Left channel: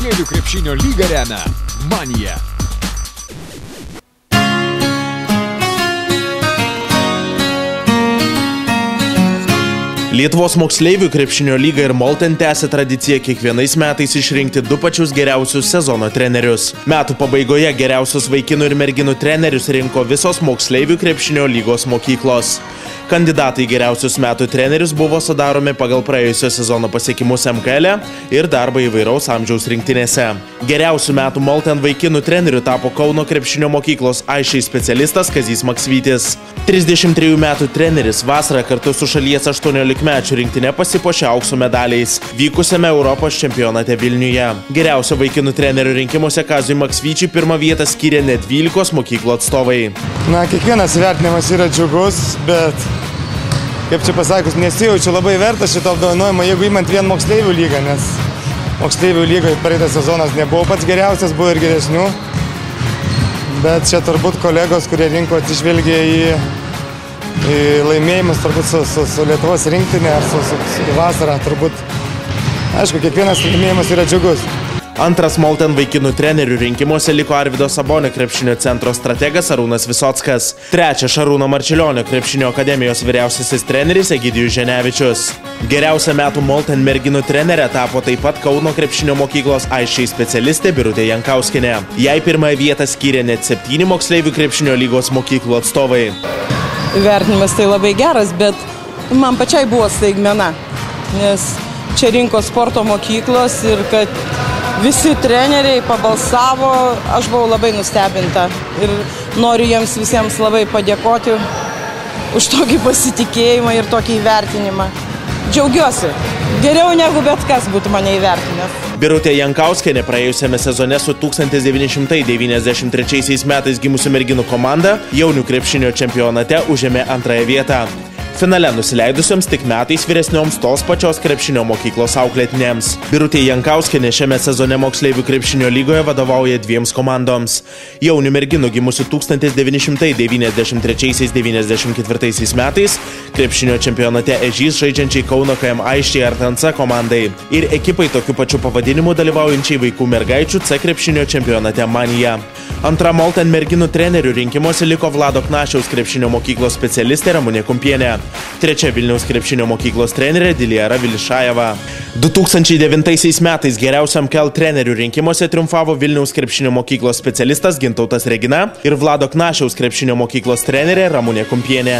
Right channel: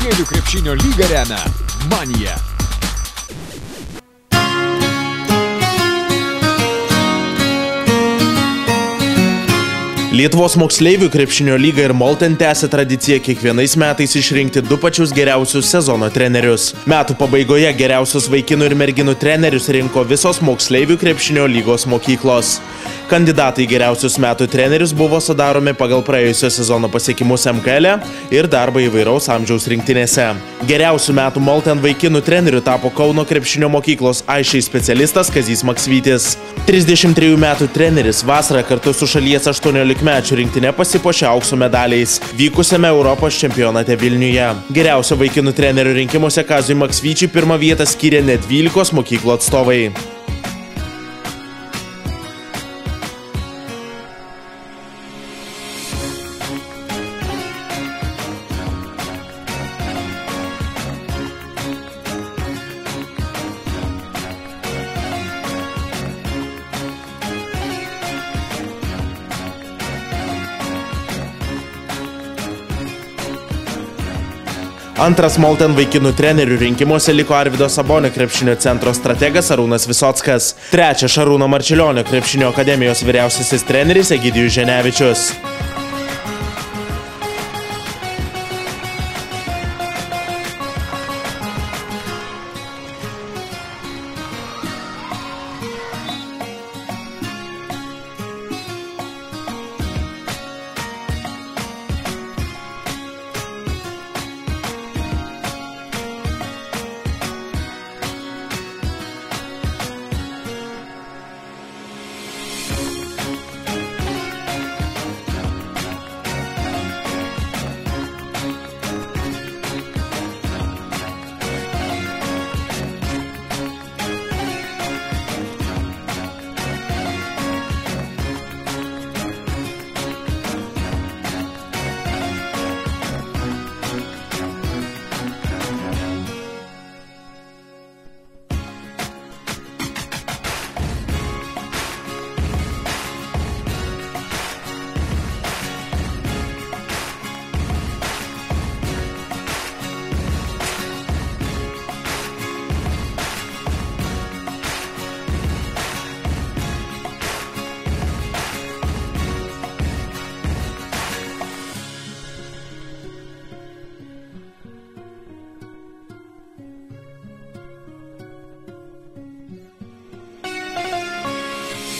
Moksleivių krepšinio lygą remia Manija. Lietuvos moksleivių krepšinio lyga ir Molten tęsia tradiciją kiekvienais metais išrinkti du pačius geriausius sezono trenerius. Metų pabaigoje geriausius vaikinų ir merginų trenerius rinko visos moksleivių krepšinio lygos mokyklos. Kandidatai geriausius metų trenerius buvo sudaromi pagal praėjusio sezono pasiekimus MKL ir darbą įvairaus amžiaus rinktinėse. Geriausių metų Molten vaikinų treneriu tapo Kauno krepšinio mokyklos Aišai specialistas Kazys Maksvytis. 33 metų treneris vasarą kartu su šalies 18-mečių rinktinė pasipuošė aukso medaliais vykusiame Europos čempionate Vilniuje. Geriausio vaikinų trenerių rinkimuose Kazui Maksvyčiui pirmą vietą skyrė net 12 mokyklų atstovai. Kiekvienas vertinimas yra džiugus, bet, kaip čia pasakius, nesijaučiu labai vertas šito apdovanojimo, jeigu imant vien moksleivių lygą, nes moksleivių lygoje praeitas sezonas nebuvo pats geriausias, buvo ir geresnių. Bet čia turbūt kolegos, kurie rinko atsižvelgia į laimėjimus turbūt su Lietuvos rinktinė ar su vasara, turbūt, aišku, kiekvienas laimėjimas yra džiugus. Antras Molten vaikinų trenerių rinkimuose liko Arvydo Sabonio krepšinio centro strategas Arūnas Visockas. Trečias Šarūno Marčiulionio krepšinio akademijos vyriausiasis treneris Egidijus Ženevičius. Geriausia metų Molten merginų trenerė tapo taip pat Kauno krepšinio mokyklos Aišai specialistė Birutė Jankauskienė. Jai pirmąją vietą skyrė net 7 moksleivių krepšinio lygos mokyklų atstovai. Vertinimas tai labai geras, bet man pačiai buvo staigmena, nes čia rinko sporto mokyklos ir kad visi treneriai pabalsavo, aš buvau labai nustebinta ir noriu jiems visiems labai padėkoti už tokį pasitikėjimą ir tokį įvertinimą. Džiaugiuosi, geriau negu bet kas būtų mane įvertinęs. Birutė Jankauskienė praėjusiame sezone su 1993 metais gimusių merginų komanda jaunių krepšinio čempionate užėmė antrąją vietą. Finale nusileidusioms tik metais vyresnioms tos pačios krepšinio mokyklos auklėtinėms. Birutė Jankauskienė šiame sezone moksleivių krepšinio lygoje vadovauja 2 komandoms. Jaunių merginų gimusių 1993-94 metais krepšinio čempionate Ežys žaidžiančiai Kauno KM Aiščiai Artansa komandai ir ekipai tokiu pačiu pavadinimu dalyvaujančiai vaikų mergaičių C krepšinio čempionate Manija. Antra Molten merginų trenerių rinkimuose liko Vlado Knašiaus krepšinio mokyklos specialistė Ramunė Kumpienė. Trečia Vilniaus krepšinio mokyklos trenerė Dilijara Vilišajeva. 2009 metais geriausiam MKL trenerių rinkimuose triumfavo Vilniaus krepšinio mokyklos specialistas Gintautas Regina ir Vlado Knašiaus krepšinio mokyklos trenerė Ramunė Kumpienė.